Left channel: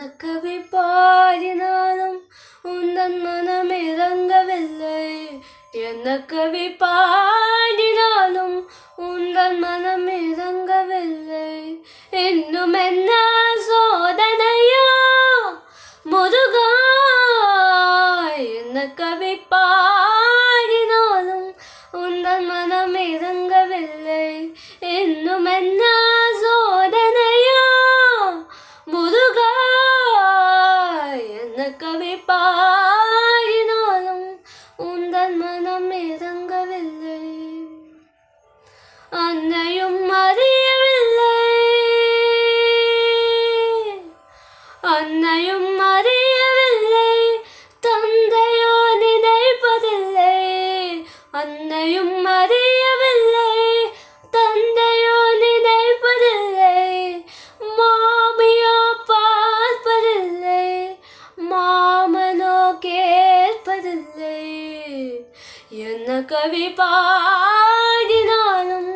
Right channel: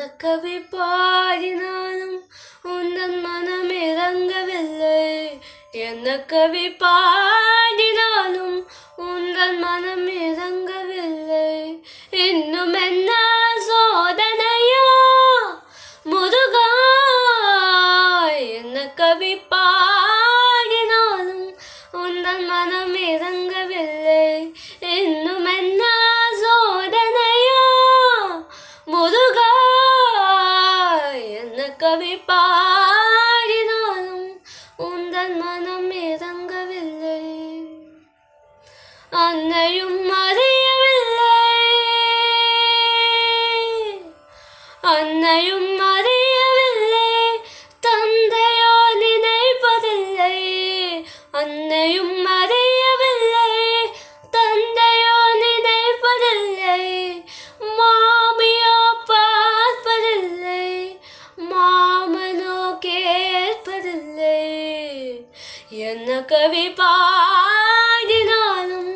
என்ன கவி பாடினாலும் உந்தன் மனம் இறங்கவில்லை. என்ன கவி பாடினாலும் உந்தன் மனம் இறங்கவில்லை. இன்னும் என்ன சோதனையோ முருகா. என்ன கவி பாடினாலும் உந்தன் மனம் இறங்கவில்லை. இன்னும் என்ன சோதனையோ முருகா. என்ன கவி பாடினாலும் உந்தன் மனம் இறங்கவில்லை. அன்னையும் அறியவில்லை, அன்னையும் அறியவில்லை, தந்தையோ நினைப்பதில்லை. அன்னையும் அறியவில்லை, தந்தையோ நினைப்பதில்லை. மாமியோ பார்ப்பதில்லை, மாமனோ கேட்பதில்லை. என்ன கவி பாடினாலும்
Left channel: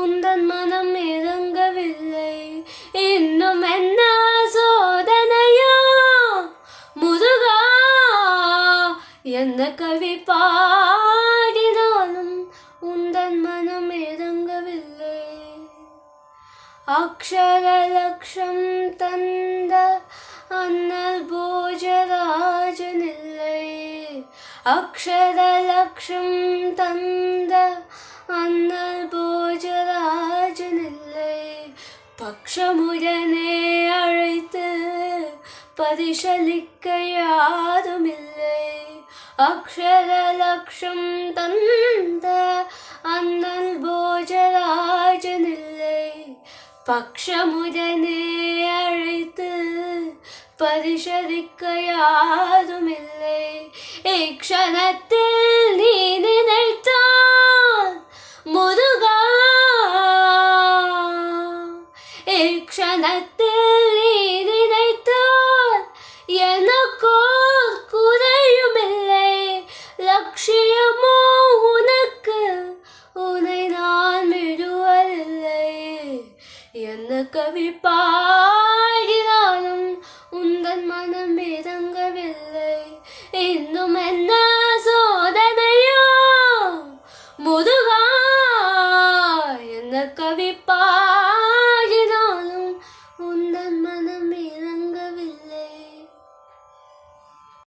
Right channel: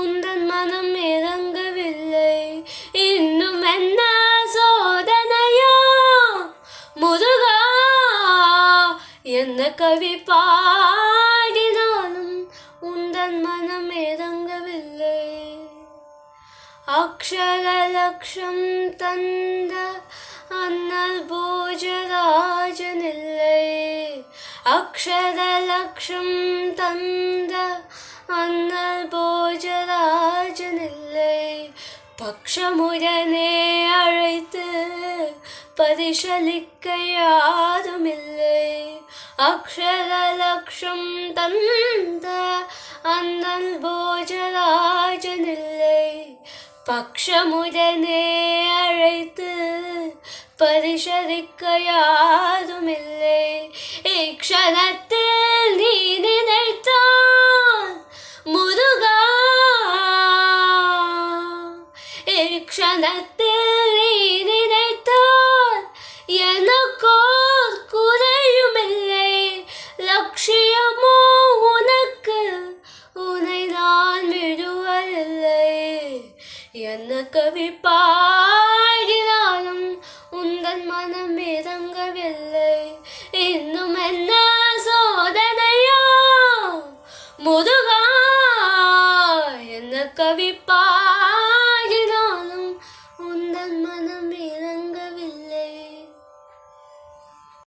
உந்தன் மனம் இறங்கவில்லை. இன்னும் என்ன சோதனையோ முருகா. என்ன கவி பாடினாலும் உந்தன் மனம் இறங்கவில்லை. அக்ஷர லக்ஷம் தந்த அண்ணல் போஜராஜனில்லை. அக்ஷர லக்ஷம் தந்த அண்ணல் போஜராஜனில்லை. பக்ஷமுடனே அழைத்து பரிசளிக்க யாருமில்லை. அக்ஷர லக்ஷம் தந்த அண்ணல் போஜராஜனில்லை. பக்ஷமுடனே அழைத்து பரிசளிக்க யாருமில்லை. இக்ஷணத்தில் நீ நினைத்தான் முருகா. இக்ஷணத்தில் நீ நினைத்தான் எனக்கோர் குறையுமில்லை. லட்சியமோ உனக்கு, உன்னை நான் விடுவதில்லை. என்ன கவி பாடினாலும் உந்தன் மனம் இறங்கவில்லை. இன்னும் என்ன சோதனையோ முருகா. என்ன கவி